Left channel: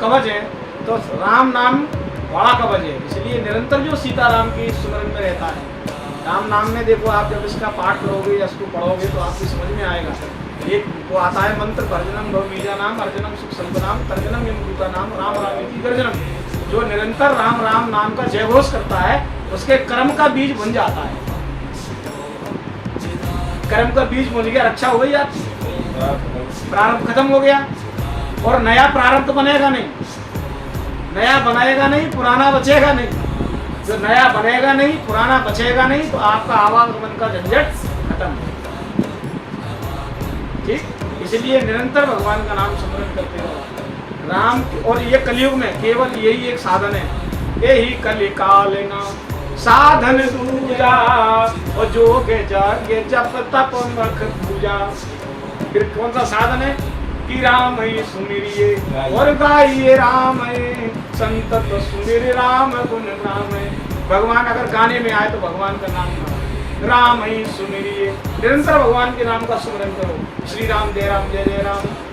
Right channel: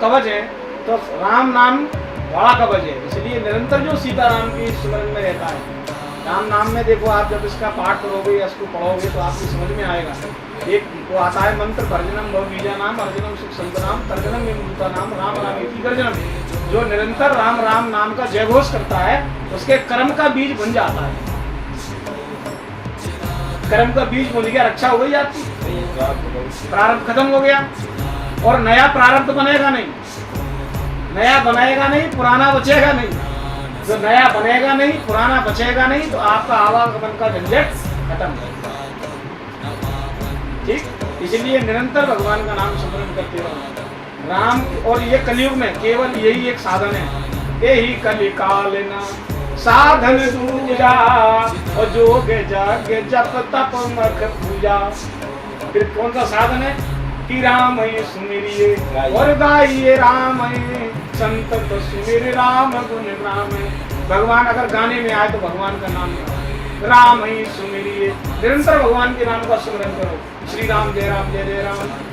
कवच है, तो राम नाम बड़ा कवच है, इसलिए निरंतर जो सीताराम की स्मरण में रहता है। राम नाम में देखो, आप जब इसका पाठ करोगे या इसको पढ़ोगे तो आपकी समझ में आएगा। एक वो आता है मंत्र, भर्जनम भव बीजा नाम अर्जनम सुख संतनाम तर्जनम विमुक्ता नाम राम राम इति गर्जनम। जो निरंतर राम राम नाम का जय घोष करता है उसके कर्म का बीज बन जाता है। कर्म का बीज बन गया, रक्षा हो गई आपकी, प्रारंभ खत्म हो गया और नया प्रारंभ बनेगा नहीं, नया बनाएगा नहीं, पुराना बचेगा नहीं। जो नया बनेगा नहीं, पुराना बचेगा नहीं, तो आपका आवागमन का झंझट खत्म। ठीक, इसलिए निरंतर भगवान का नाम स्मरण करते रहो राम। और ये कलयुग में केवल यही एक साधन है, यही कलिकाल न साधन दूजा और जोग जाग जप तप मख पूजा। फिर कौन सा साधन है कि राम ही सुमिरिए और गाइए राम है संतत सुमिर राम गुण राम। भगवान अगर गाने में आए तो भगवान का नाम गाओ, राम ही सुमिरिए, निरंतर भगवान के नाम का स्मरण करो। श्री राम जय राम,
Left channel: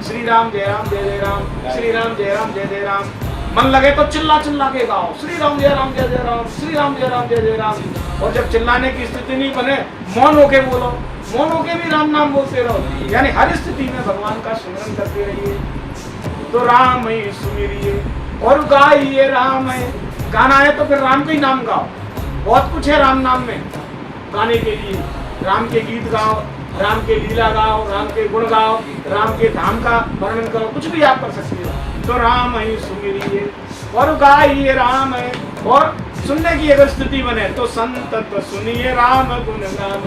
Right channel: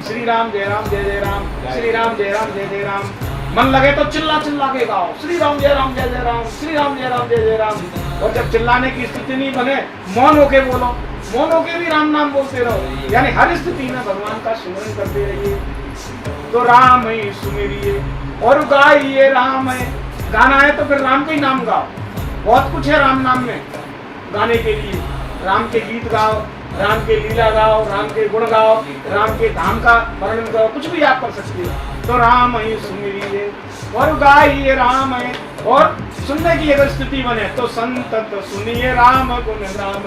श्री राम जय राम जय राम, श्री राम जय राम जय राम। मन लगे तो चिल्ला चिल्ला के गाओ श्री राम जय राम जय राम, श्री राम जय राम जय राम। और जब चिल्लाने की स्थिति नहीं बने, मौन होके बोलो, मौन होके भी राम नाम बोलते रहो। यानी हर स्थिति में भगवान का स्मरण करते रहिए। तो राम ही सुमिरिए और गाइए राम है, गाना है तो फिर राम का ही नाम गाओ। बहुत कुछ है राम नाम में गाने के लिए, राम के गीत गाओ, राम के लीला गाओ, राम के गुण गाओ, राम के धाम का वर्णन करो, कुछ भी आप कर सकते हो। तो राम ही सुमिरिए और गाइए राम है। और सुनने की अगर स्थिति बने तो संतत सुनिए राम गुण राम।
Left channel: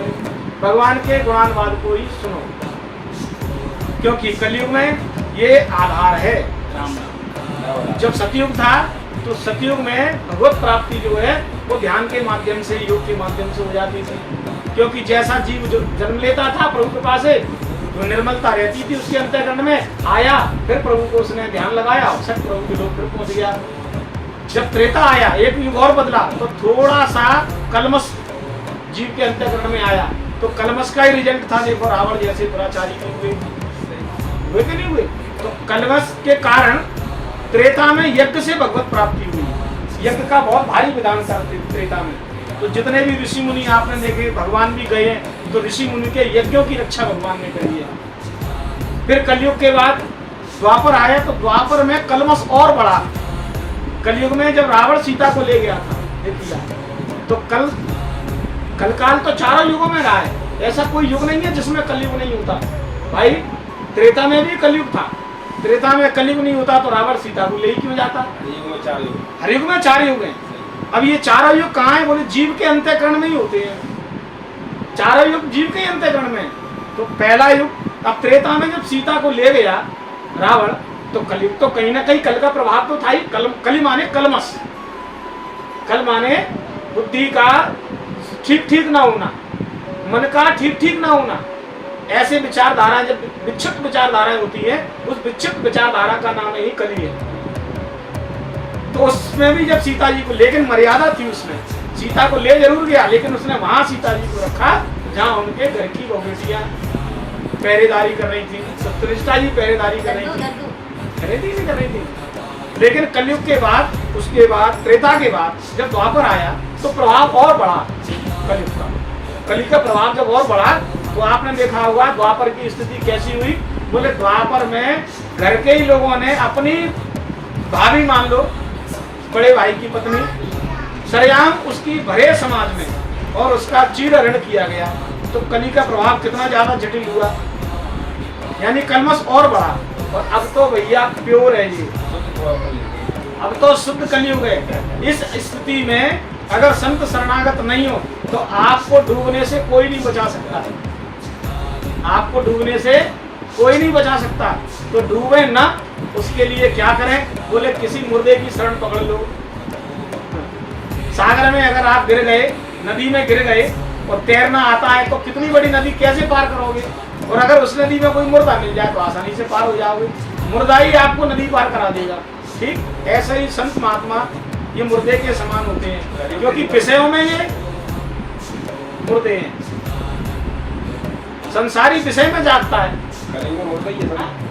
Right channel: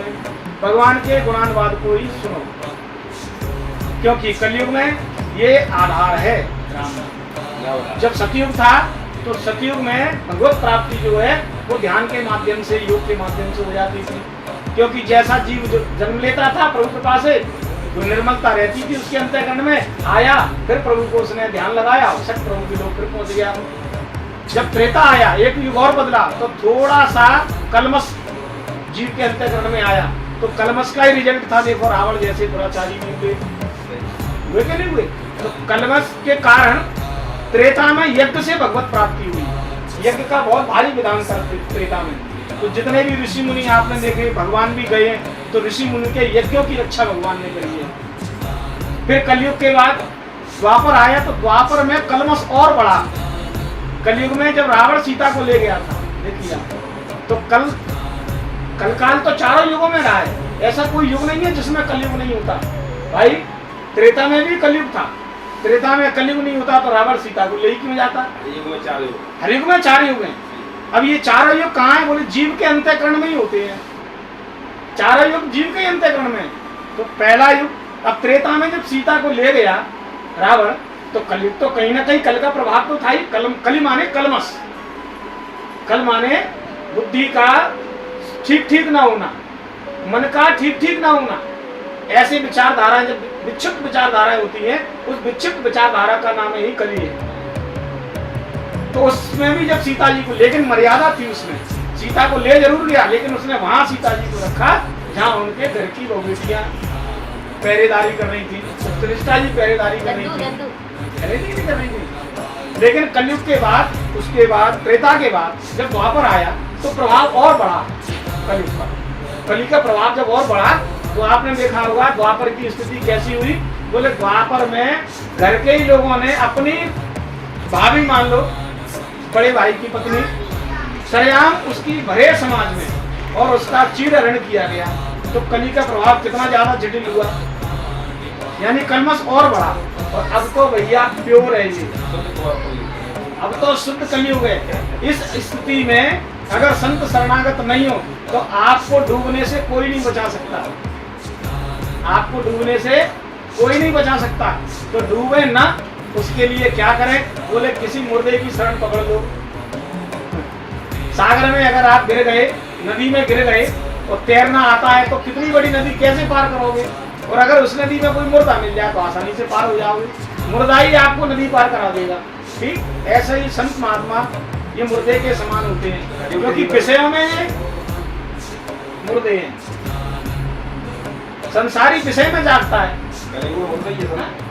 भगवान के गुणानुवाद को ही सुनो, क्योंकि कलयुग में ये आधार है राम नाम। जब सतयुग था तो सतयुग में भगवत प्राप्ति जो है वो ध्यान के माध्यम से, योग के माध्यम से हो जाती थी। क्योंकि जैसा जीव जो जन्म लेता था प्रभु कृपा से, जो निर्मलता रहती थी उसके अंतःकरण में, आया फिर प्रभु को उसने ध्यान लगाया, सत प्रभु के लोग फिर पहुंच गया। जब त्रेता आया, एक युग और बदला, तो थोड़ा सा कलमश जीव के अंतःकरण में आया, तो कलमश का ही रिजल्ट था। देखो रावण जैसे दुराचारी नहीं हुए कि नहीं हुए। तो कलमश के कारण त्रेता में यज्ञ से भगवत प्राप्ति हुई। यज्ञ का बहुत भारी विधान करते त्रेता में। तो जितने भी ऋषि मुनि आपने देखे, भगवान भी गए, तो ऋषि मुनि के यज्ञों की रक्षा भगवान ने करी है। फिर कलयुग के बाद द्वापर आया, तो द्वापर में कलमश और बढ़ा। कलयुग में जब रावण सीता को ले गया था, देखिए, तो कलकाल तो चारों युगों में रहा है। ऐसा कोई युग नहीं है जिसमें कलयुग नहीं होता भाई। त्रेता में भी कलयुग था, त्रेता में कलयुग नहीं होता तो रावण सीता को ले क्यों जाता। हर युग में चार युग हैं। अब ये चारों युग कहाँ है, बोले जीव के अंतःकरण में ही होते हैं। चारों युग जीव के अंतःकरण में। तो पहला युग, अब त्रेता में जब सीता को ले गया रावण, तो कलयुग तो कहीं ना कहीं कल का प्रभाव तो था ही। कली माने कलमश, कल माने बुद्धि का ठीक ठीक ना होना, मन का ठीक ठीक ना होना। ऐसे विचारधारा, जब विक्षिप्त विचारधाराएं होती है, उस विक्षिप्त विचारधारा का नाम ही कली है। तो उसमें भी जब सीता जी को, लेकिन मर्यादा थी उसमें, सीता को ले जरूर गया, लेकिन उसने वहां सीता जी को रखा जहां उनके घर की बेटियां पहरेदारी कर रही थी। सत्यनिष्ठा जी पहरेदारी कर रही थी। लेकिन कलयुग के बाद, उसके बाद त्रेता के बाद जब द्वापर आया तो प्रभाव और बढ़ा कलयुग का। कली का प्रभाव जब और बढ़ा तो आपने देखा होगा द्वापर की स्थिति कैसी हुई। बोले द्वापर में घर के ही लोगों ने अपनी भाभी, मान लो बड़े भाई की पत्नी, सरेआम उसकी भरे समाज में और उसका चीरहरण किया गया। तो कली का प्रभाव कितना ज्यादा जटिल हुआ, यानी कलमश और बढ़ा। और अब तो भैया प्योर है ये, अब तो शुद्ध कलयुग है। इस स्थिति में अगर संत शरणागत नहीं हो तो आपको डूबने से कोई नहीं बचा सकता, आपको डूबने से कोई नहीं बचा सकता। तो डूबे ना, उसके लिए क्या करें, बोले किसी मुर्दे की शरण पकड़ लो। सागर में अगर आप गिर गए, नदी में गिर गए और तैरना आता है तो कितनी बड़ी नदी कैसे पार करोगे। और अगर उस नदी में कोई मुर्दा मिल जाए तो आसानी से पार हो जाओगे, मुर्दा ही आपको नदी पार करा देगा। ठीक ऐसा ही संत महात्मा ये मुर्दे के समान होते हैं, क्योंकि विषयों में ये मुर्दे हैं। संसारी विषय में जागता है, होता ही है।